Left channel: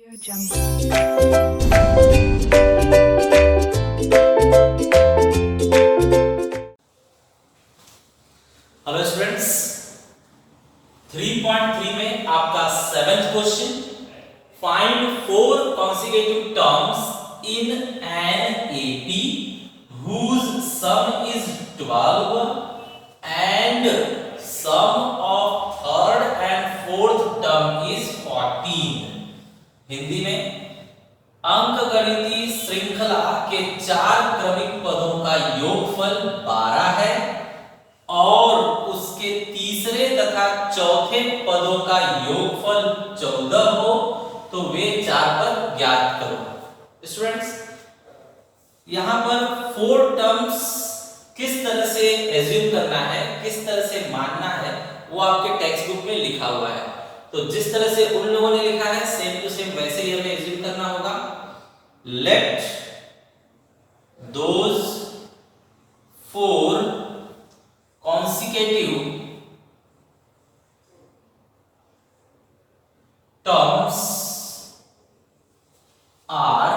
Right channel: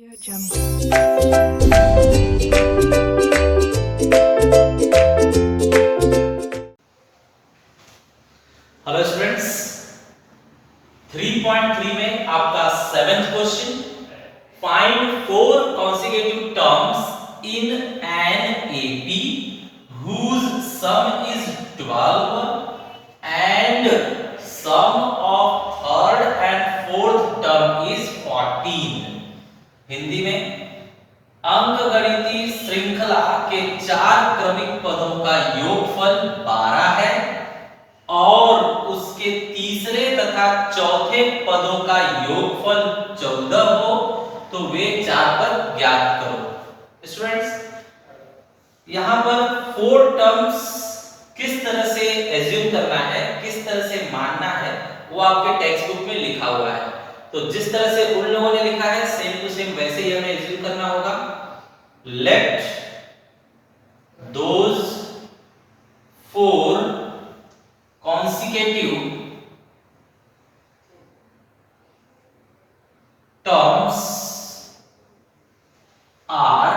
Audio Jungle. Hello students, 3.3 में आपका 7th question, find 4 consecutive terms in an AP whose sum is 12 and sum of third and fourth term is 14। Hindi में अंकगणितीय श्रृंखला के 4 क्रमिक पदों का योगफल 12 है और उसके तीसरे तथा चौथे पदों का योगफल 14 हो तो वे 4 पद ज्ञात करो। स्टूडेंट्स, यहां पर 4 टर्म्स किस तरह से एज्यूम करना है, किस तरह से मानना है, वो आपके टेक्स्ट बुक में लिखा हुआ है। तो जिस तरह से उन लोगों ने लिखा है सेम टू सेम वैसे ही हमें एज्यूम करना होगा। Late those 4 consecutive terms are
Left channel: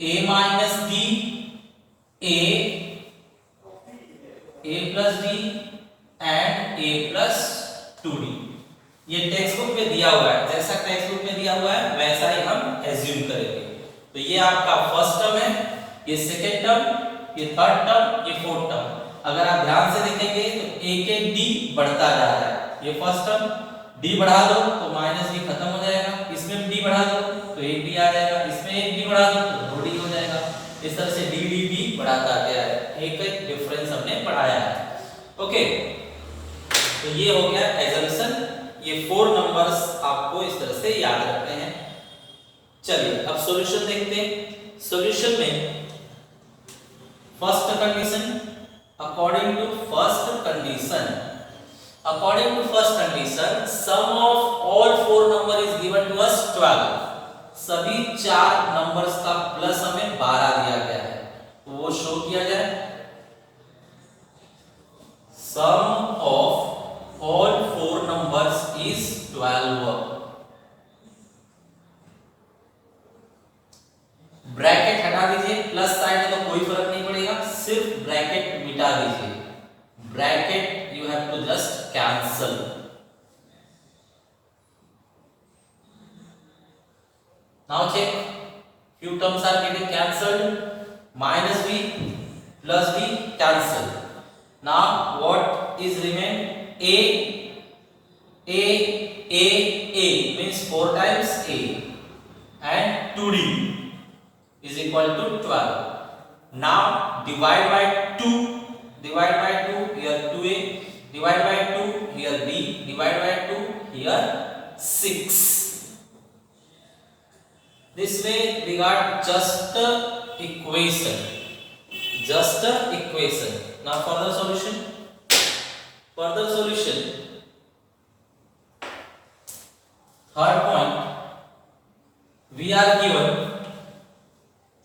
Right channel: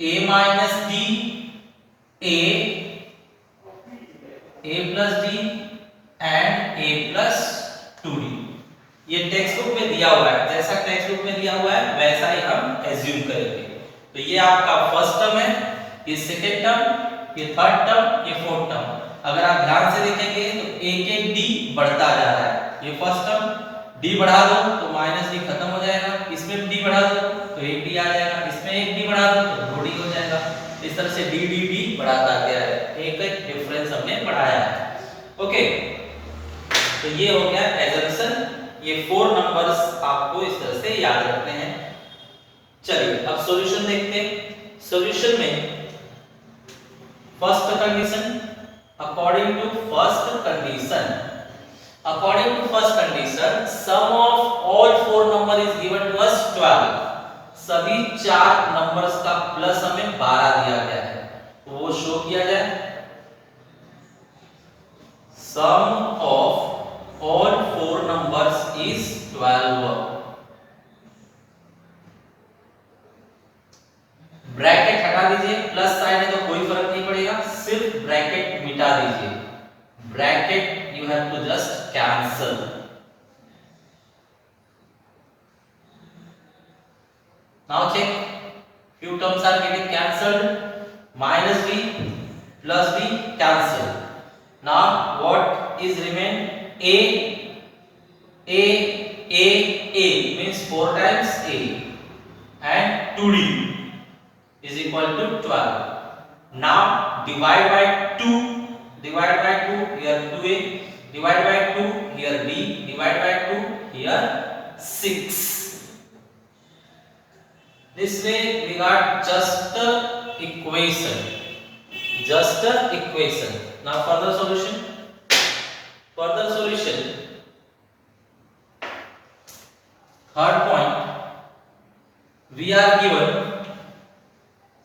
a minus d, a plus d and a plus 2d। ये टेक्स्ट बुक में दिया हुआ है, जैसा टेक्स्ट बुक में दिया हुआ है वैसा ही हम एज्यूम करेंगे। तो ये आपका फर्स्ट टर्म है, ये सेकेंड टर्म, ये थर्ड टर्म, ये फोर्थ टर्म। अगर आप ध्यान से देखेंगे तो एक एक डी बढ़ता जा रहा है। ये फर्स्ट टर्म, डी बढ़ा दो तो माइनस डी खत्म हो जाएगा, इसमें भी डी बढ़ा दो तो एक डी आ जाएगा, इसमें एक डी बढ़ा दो तो दो डी हो जाएगा। इस तरह से डी डी डी बढ़ाता गया है, एक एक डिफरेंस हमने बढ़ाया है। ओके, तो ये हो गया एजम्पशन। ये 4 नंबर्स आपको इस तरह से याद रखने हैं। चलिए अब सॉल्यूशन देखते हैं। सॉल्यूशन में first condition, according to first condition sum of all 4 number is given to us 12। सभी 4 नंबर्स का प्लस हमें 12 दिया गया है, तो वो शो किया जाए। sum of all 4 numbers is 12। Bracket हटा दीजिए, प्लस साइन है तो कोई फर्क नहीं पड़ेगा, सिर्फ ब्रैकेट मिटा दीजिए। Bracket you have to just cancel. Now check, few terms are getting cancelled, minus b plus b cancel। now what is remain? a means 4 times a and 2d is equal to 12। now divide by 2, here 2a, divide by 2, here b, divide by 2, here 6। this way we got just a equation, now further solution, third point, we are given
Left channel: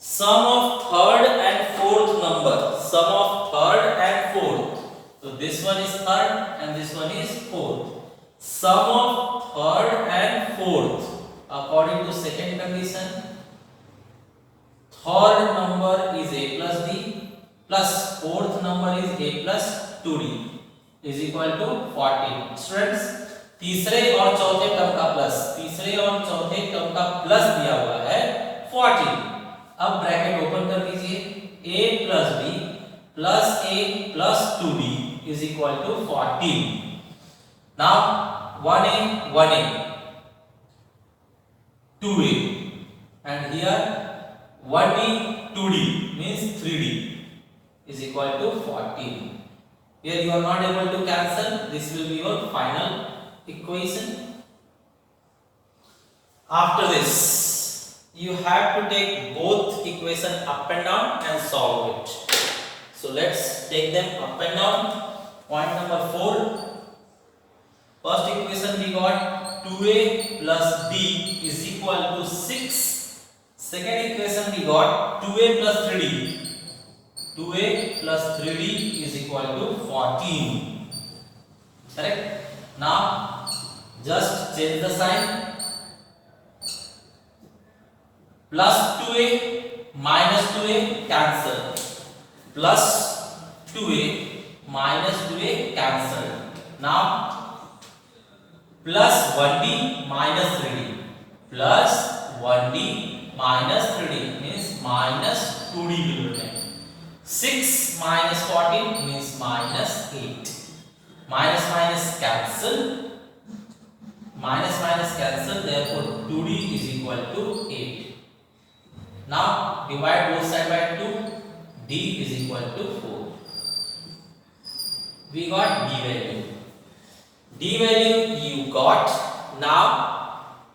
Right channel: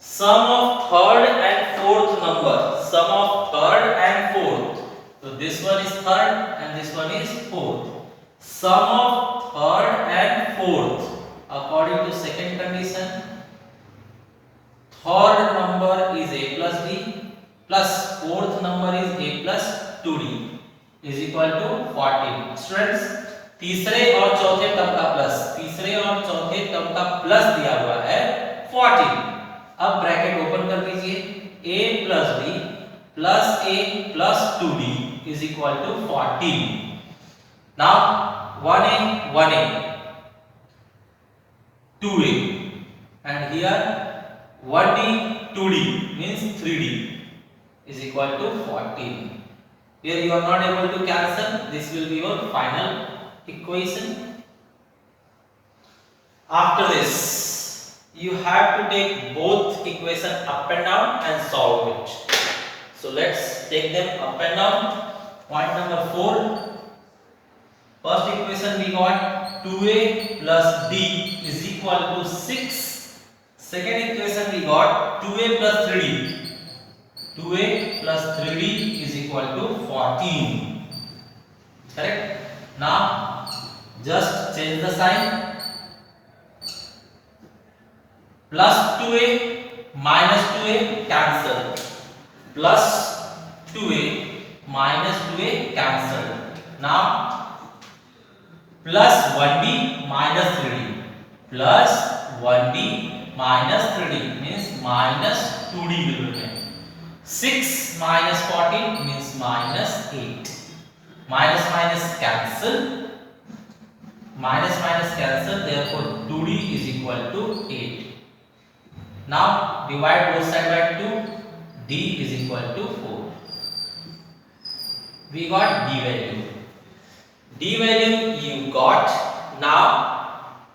sum of third and fourth number, sum of third and fourth, so this one is third and this one is fourth। sum of third and fourth according to second condition, third number is a plus d plus fourth number is a plus 2d is equal to 14। Students, तीसरे और चौथे term का plus दिया हुआ है 14। अब bracket open कर दीजिए, a plus d plus a plus 2d is equal to 14। now 1a 2a and here 1d 2d means 3d is equal to 14। here you are not able to cancel, this will be your final equation। after this you have to take both equation up and down and solve it। so let's take them up and down। point number 4, first equation we got 2a plus d is equal to 6। second equation we got 2a plus 3d, 2a plus 3d is equal to 14। correct? now just change the sign, plus 2a minus 2a cancel, plus 2a minus 2a cancel. Now plus 1b minus 3d, plus 1b minus 3d means minus 2d will remain. 6 minus 14 means minus 8. Minus minus cancel, minus minus cancel, therefore 2d is equal to 8. Now divide both sides by 2, d is equal to 4. We got d value. D value you got. Now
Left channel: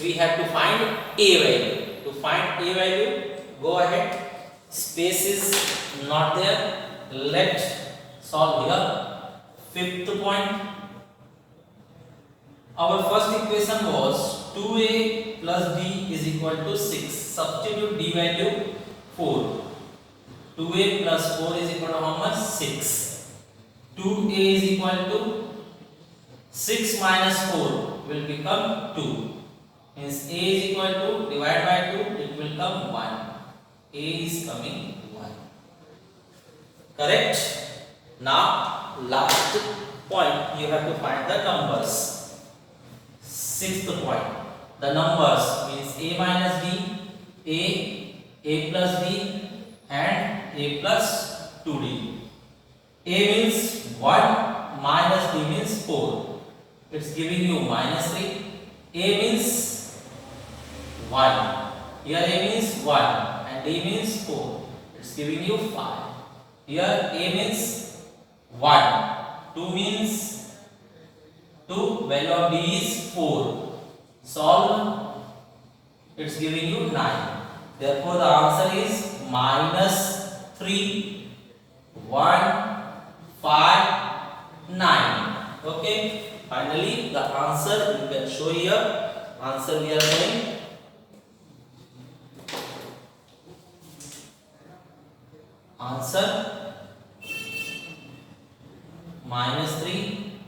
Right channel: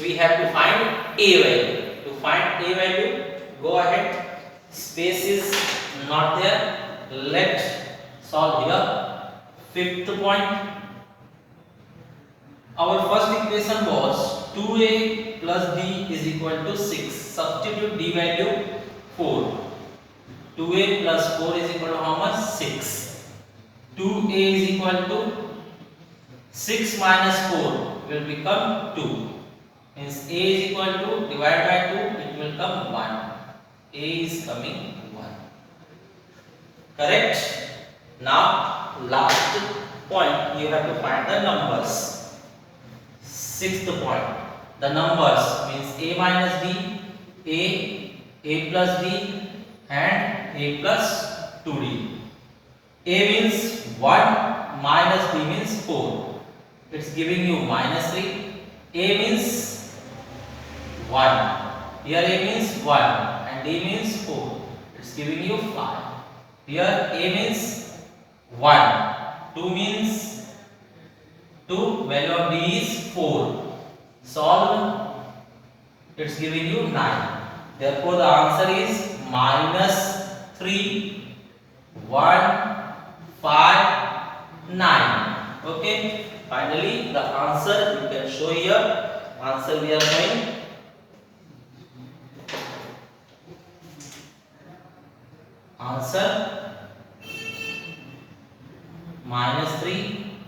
we have to find a value. To find a value, go ahead. Space is not there. Let's solve here. Fifth point. Our first equation was 2a plus d is equal to 6. Substitute d value 4. 2a plus 4 is equal to how much? 6. 2a is equal to 6 minus 4 will become 2. Means a is equal to, divide by 2, it will come 1. A is coming 1. Correct? Now last point, you have to find the numbers. Sixth point, the numbers means a minus d, a plus d and a plus 2d. A means 1 minus d means 4. It's giving you minus 3. A means 1. Here a means 1 and d means 4. It's giving you 5. Here a means 1. 2 means 2. Value of d is 4. Solve. It's giving you 9. Therefore the answer is minus 3, 1, 5, 9. Okay. Finally, the answer you can show here. Answer we are showing. Answer minus 3,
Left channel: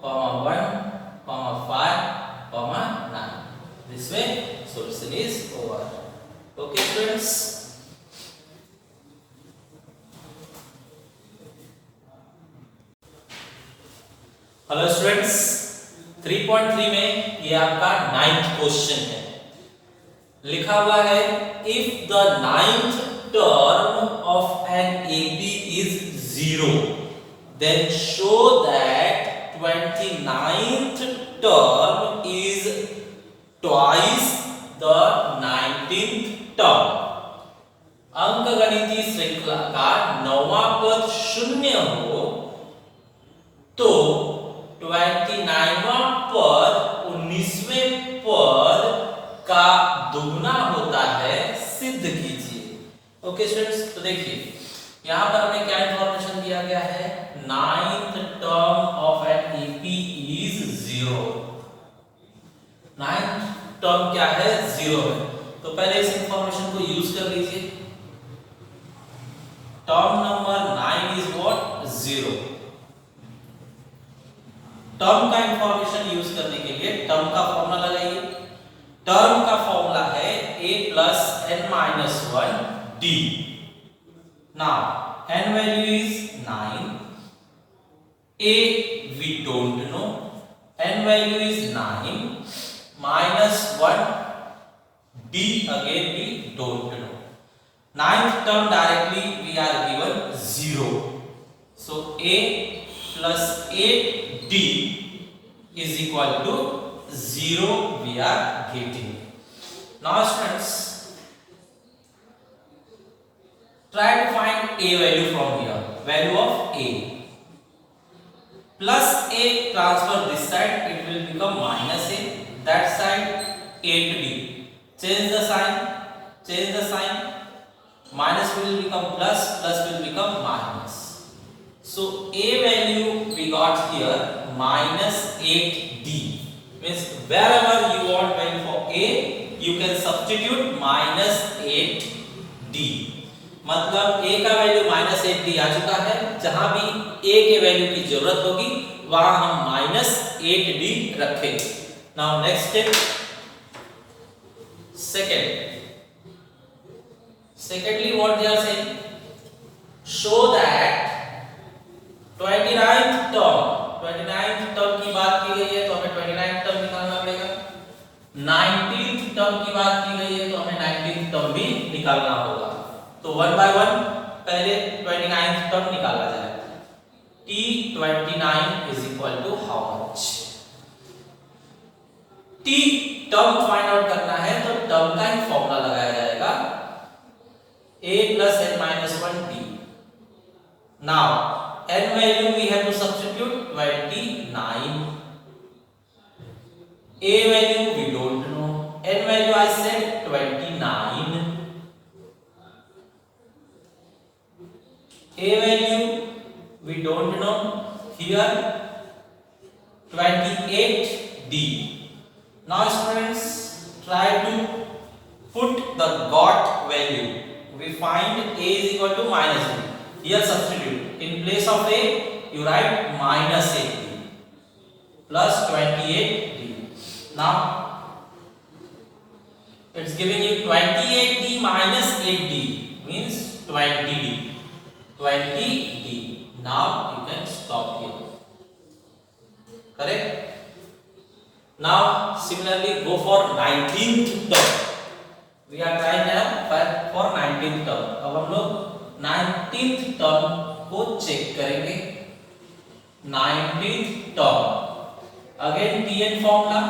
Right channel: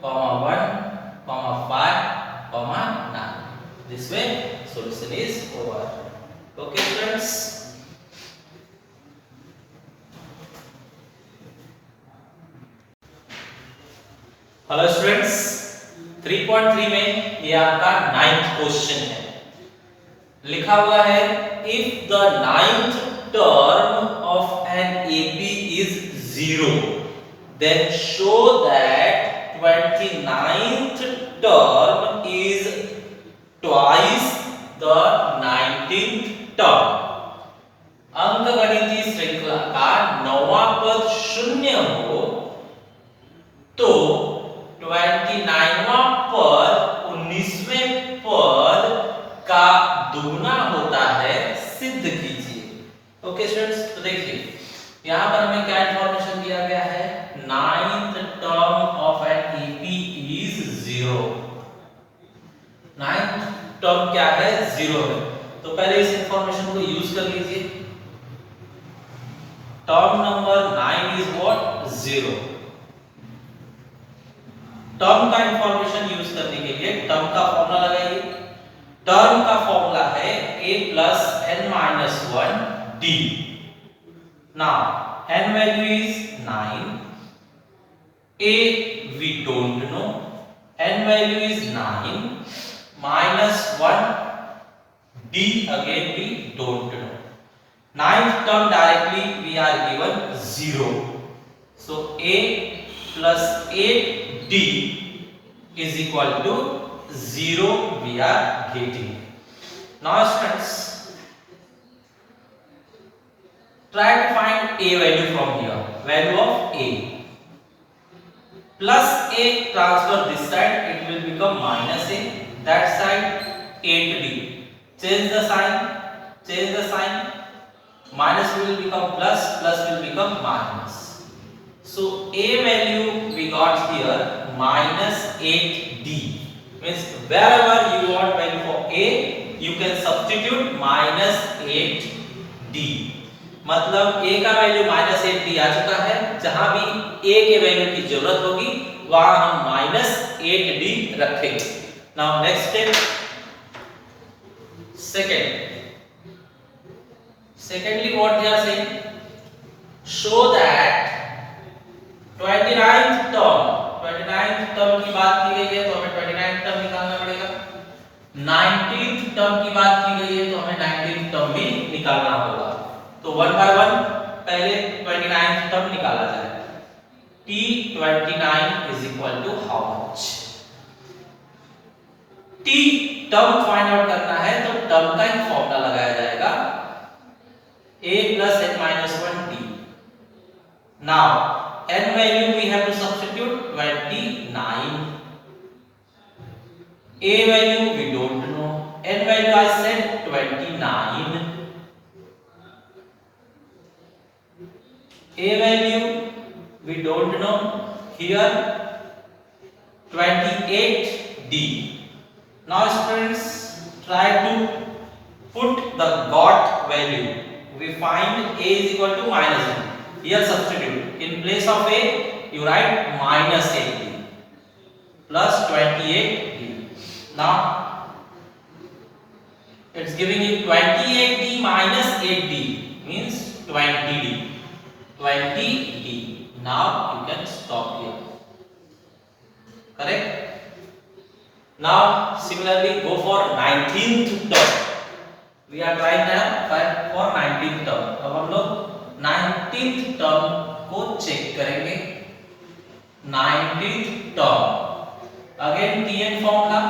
1, 5, 9. This way, solution is over. Okay, friends. Hello students, 3.3 में ये आपका 9th question है. लिखा हुआ है if the 9th term of an AP is 0 then show that 29th term is twice the 19th term. अंकगणितीय श्रृंखला का 9वां पद शून्य हो तो 29वां पद 19वें पद का दुगना होता है, सिद्ध कीजिए. ओके स्टूडेंट्स, तो देखिए यहां पर हमें क्या इंफॉर्मेशन दिया गया है. 9th term of an AP is 0. 9th term क्या है? 0 है. तो पहले इस इंफॉर्मेशन को यूज कर लीजिए. Term number 9 is what? 0. Term का इंफॉर्मेशन यूज करने के लिए टर्म का फॉर्मूला लगाइए. टर्म का फॉर्मूला है a plus n minus 1 d. Now n value is 9. A we don't know. N value is 9 minus 1 d again we don't know. 9th term directly we are given 0. So a plus 8d is equal to 0 we are getting. Now students, try to find a value from here. Value of a. Plus a transfer this side, it will become minus a. That side 8d. Change the sign. Change the sign. Minus will become plus. Plus will become minus. So a value we got here minus 8d. Means wherever you want value for a, you can substitute minus 8d. मतलब a का value minus 8d आ चुका है. जहां भी a के value की जरूरत होगी वहां हम माइनस 8d रखेंगे. Now next step. Second, Secondly, what they are saying, show that 29th term की बात की गई है तो हमें 29th टर्म निकालना पड़ेगा। 19th टर्म की बात की गई है तो हमें 19th टर्म भी निकालना होगा। तो वन बाय वन पहले 29th टर्म निकाला जाए। T29 is equal to how much? T term find out करना है तो टर्म का ही फॉर्मूला लगाया जाएगा, a plus n minus 1 t. Now n value we have to substitute 29. A value we don't know. N value I said 29. A value we don't know. Here 28d. Now students, try to put the got value. We find a is equal to minus a. Here substitute. In place of a, you write minus 8d plus 28d. Now it's giving you 28d minus 8d means 20d. 20d. Now you can stop here. Correct? Now similarly go for 19th term. We are trying now for 19th term. अब हम लोग 19th term को check करेंगे। 19th term again tn formula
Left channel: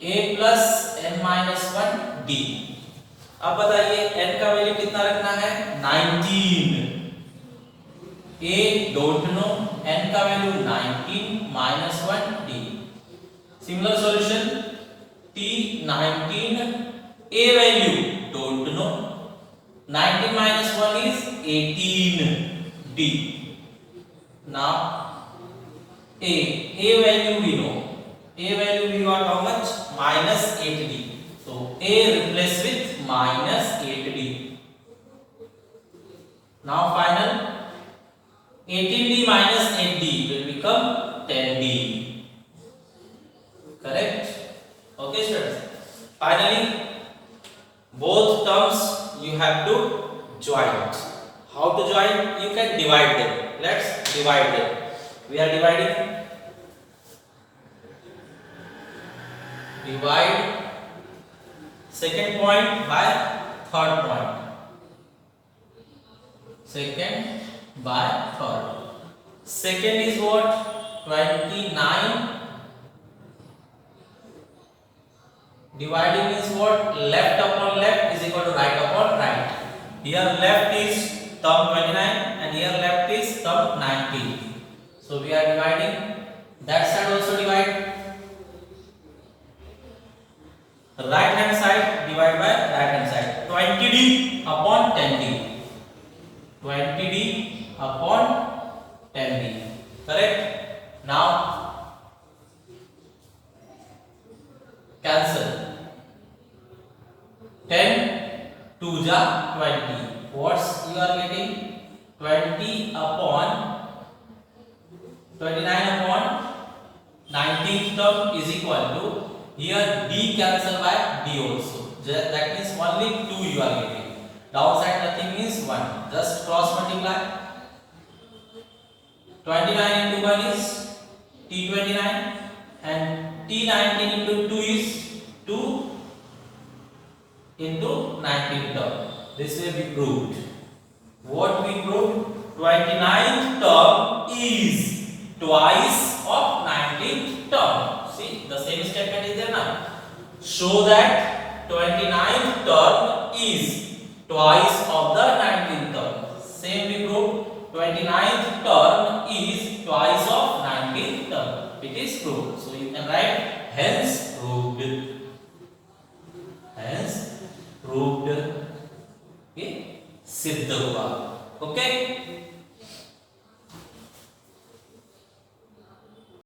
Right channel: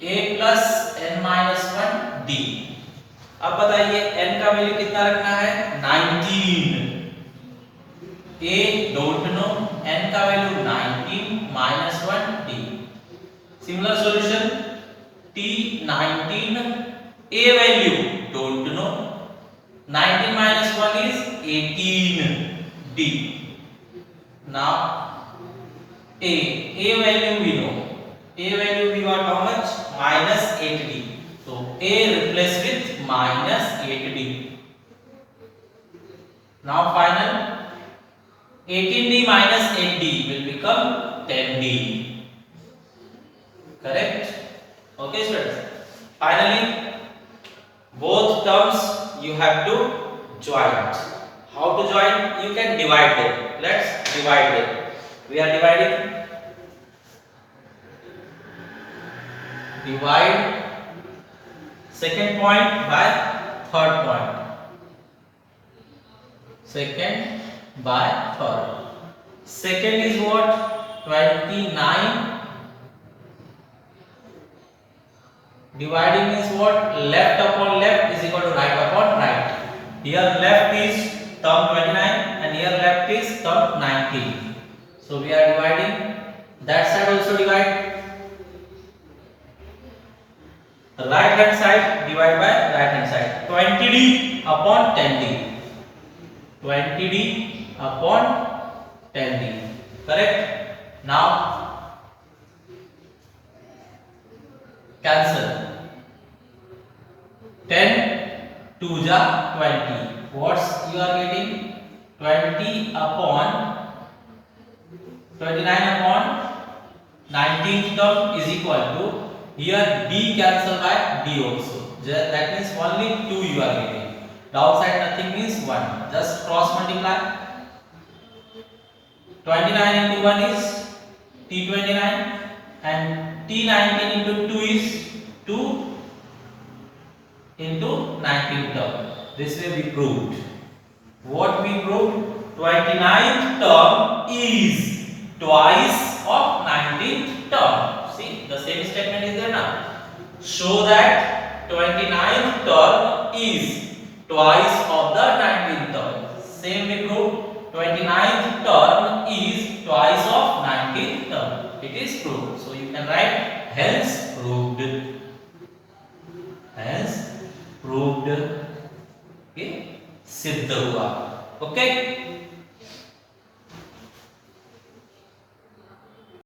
a plus n minus 1 d। अब बताइए n का value कितना रखना है? 19। a डोंट नो, n का value 19 minus 1 d। Similar solution t19 a value don't know, 19 minus 1 is 18d. Now a value we know. A value we got how much? Minus 8d. So a replace with minus 8d. Now final 18d minus 8d will become 10d. Correct? Okay students. Finally both terms you have to join. How to join? You can divide them. Let's divide them. We are dividing. Divide second point by third point. Second by third. Second is what? 29. Dividing is what? Left upon left is equal to right upon right. Here left is term 29 and here left is term 19. So we are dividing. That side also divide. Right hand side divide by right hand side. 20d upon 10d. 20d upon 10d. Correct? Now cancel. 10 2 ja 20. What's you are getting? 20 upon 29 upon 19th term is equal to, here d cancel by d also. That means only 2 you are getting. Downside nothing means 1. Just cross multiply. 29 into 1 is t29 and t19 into 2 is 2 into 19th term. This way we proved. What we proved? 29th term is twice of 19th term. See, the same statement is there now. Show that 29th term is twice of the 19th term. Same we proved. 29th term is twice of 19th term. It is proved. So you can write hence proved. Hence proved. Okay, सिद्ध हुआ. Okay.